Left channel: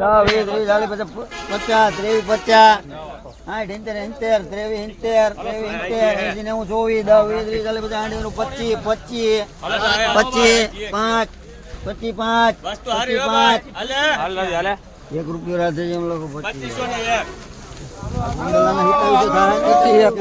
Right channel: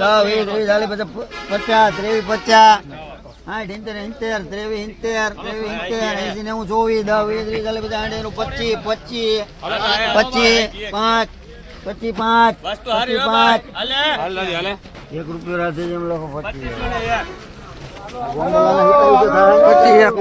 દસ વીસ ત્રીસ ચાલીસ પચાસ પચાસ ત્રેવીસ પચાસ. સાઠ ઇંતેર ઇંતેર ત્રેવીસ ઇંતેર ત્રેવીસ ઇંતેર એસી નેવું ચોવીસ દસ વીસ ત્રીસ ચાલીસ પચાસ આઠ એનું પચીસ પચીસ પચીસ પાંચ પચીસ પાંચ પચીસ પાંચ. એક રૂપિયો રાખે છે એમ લોકો પચીસ પચીસ. એક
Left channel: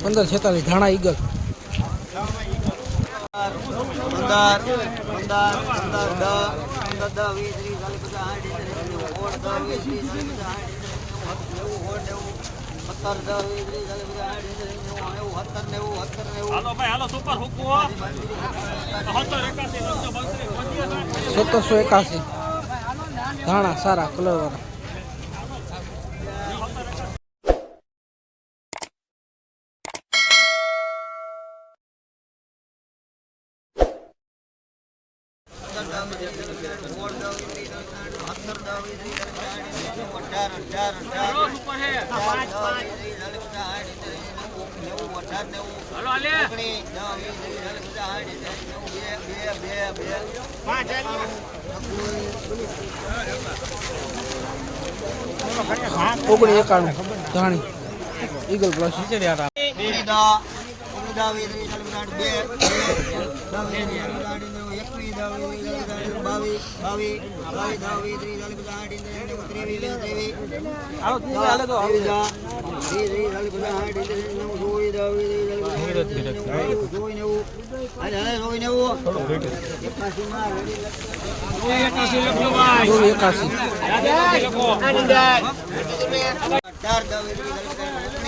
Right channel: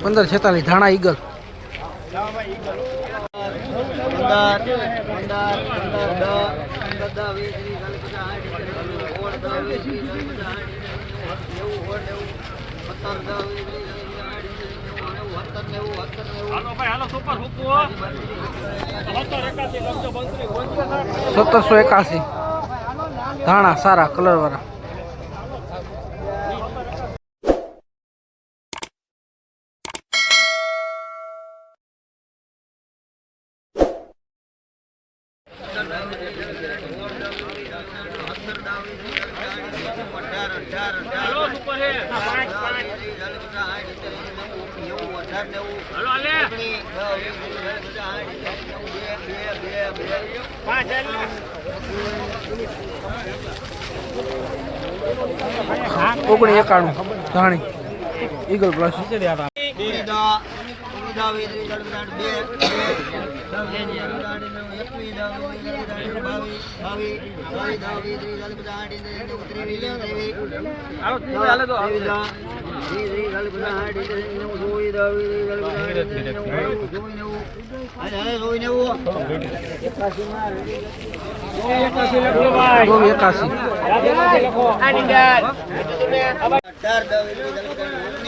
પંદર છેતાલીસ, ધાણા ઈગલ. પંદર પંદર પંદર, દસ પંદર, દસ, વીસ, ત્રીસ, ચાલીસ વીસ, ત્રીસ, ચાલીસ, પચાસ નેવું સત્તર સત્તર નેવું સત્તરસો એકાસી ધાણા સારા કલર વાળા. ઓગણી એકાણું ધાણી. ઈગલ પ્લસ એકાસી ચાર દવી ચાલીસ પચાસ ઓગણીસ દવી એકવીસ ત્રીસ ચાલીસ પચાસ આઠ બાવીસ દવ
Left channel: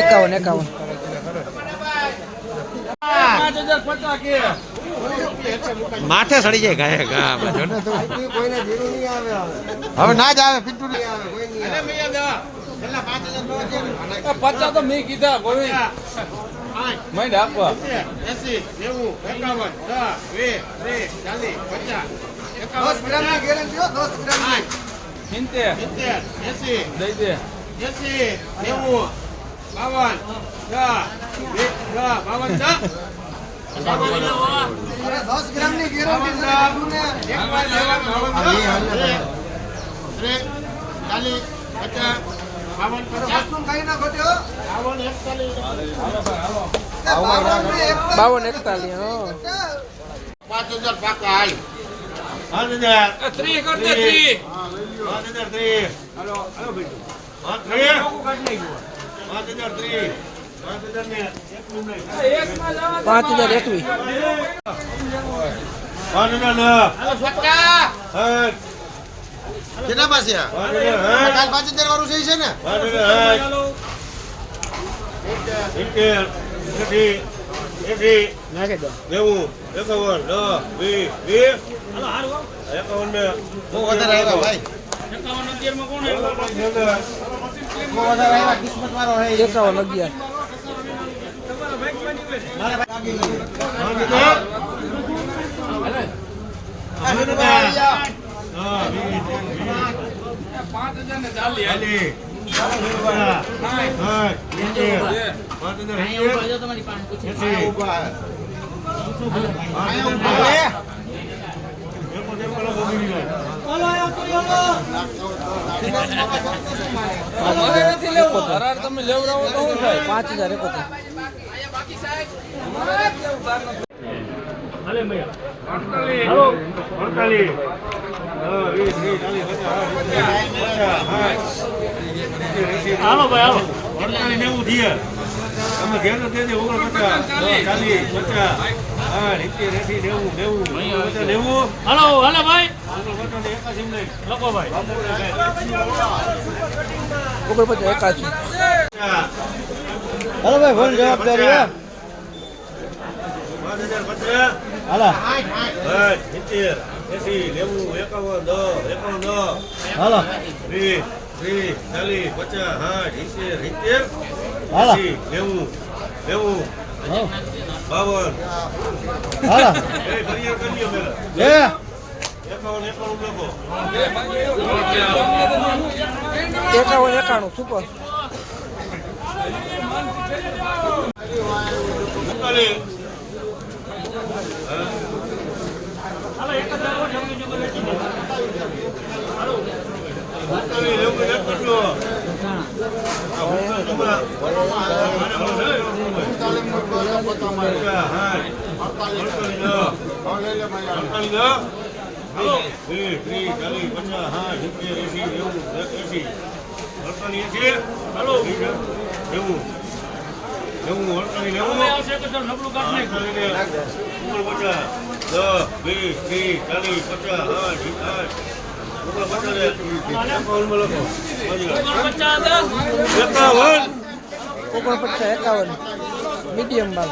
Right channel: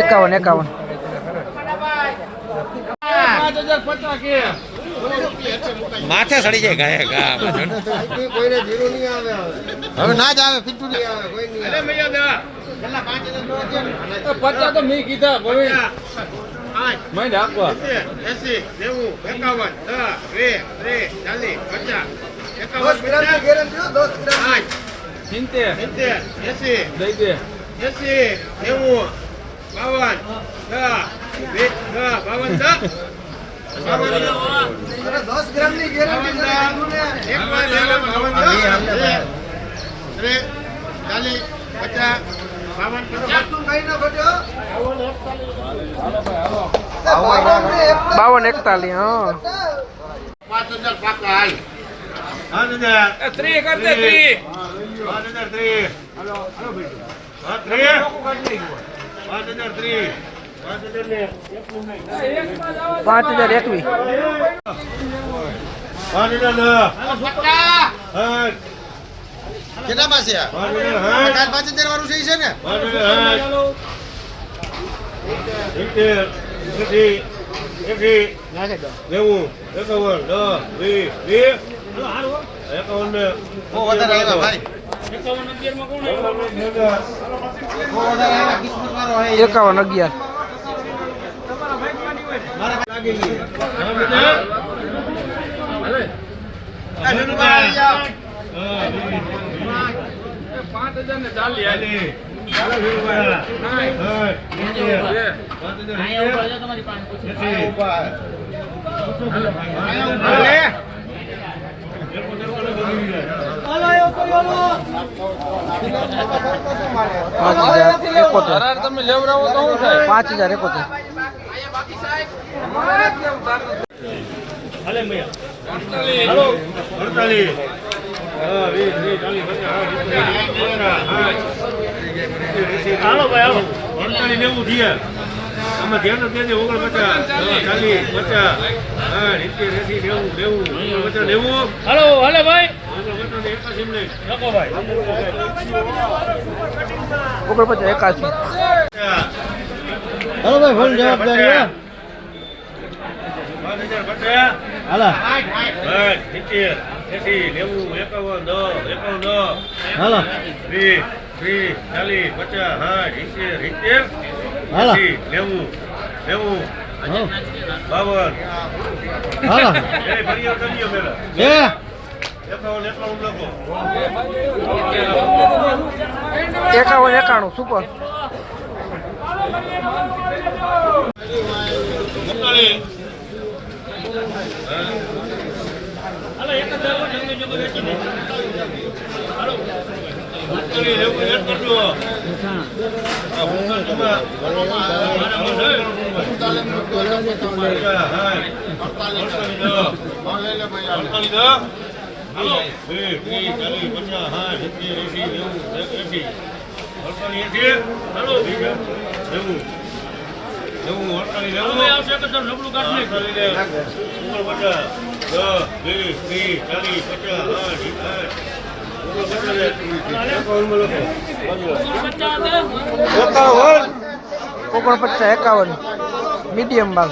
એકાવન એકાવન. માથે સડી જાય ગયા ગયા કોઈને જીરું નહીં આવે હવે ના જ આવે પિન્ટુ નહીં આવે કોઈ નહીં આવે. પચાસ તો મેં કીધા ગોવિંદ. મેં આપવા. એસી નેવું એકાવન દસ બે ત્રીસ ચાલીસ પચાસ દસ ગેરંટી હો, દસ ગ્રામ સિત્તેર સિત્તેર. એસી દઈ દે. એસી નેવું બાવન બાવન દસ. દસ ગ્રામની ગેરંટી ચાલીસ પચાસ બાવન પચાસ. વસ્તુ કઈ ન ઘટ્યો બાવન એકતાલીસ. હા. પાંચ હજાર પાકા હાલ. પાંચ હજાર. ત્રી કરતે ત્રી. પાંચ હજાર ત્રીસ હલો હાલો ભાઈ. પાંચ હજાર ત્રીસ. પાંચ હજાર ને પાંચ હજાર એકવી પાંચ હજાર નવ. હટ. કેટલા પાસે પાંચ હજાર પાંચ હજાર વાળું થઈ છે ને? નેવું એકાવન દસ વીસ એકાવન ને બહુ વધારે આવ્યા ભાઈ. એકાવન અગિયાર. પાંચ હજાર ને ચાલી ચાલી પાંચ હજાર એકોતેર. તમે લેવડાવો તો શું થાય? પાંચ હજાર એકોતેર. અડતાલીસ હા, વીસ, વીસ, ચાલીસ, પચાસ, સાઠ. હાલો ભાઈ, ઓગણપચાસ, એંસી, એકાસી હાલો ભાઈ ફૂલ જવાબદારી. હાલો. સિત્તેર, એંસી, નેવું, એકાવન, દસ, એકાવન, દસ. હાલો. વીસ, વીસ, ચાલીસ, પચાસ, સાઠ, સિત્તેર, સિત્તેર, હાલો. નેવું, નેવું. બાવન. હાલો એ ફરિયાદ કરજો પેલા. બે એકાવન, એકાણું સુપર અડતાલીસ. પચાસ, દસ. વીસ, ત્રીસ, ચાલીસ, પચાસ, ઓગણપચાસ એકાવન. મીડિયમ માલ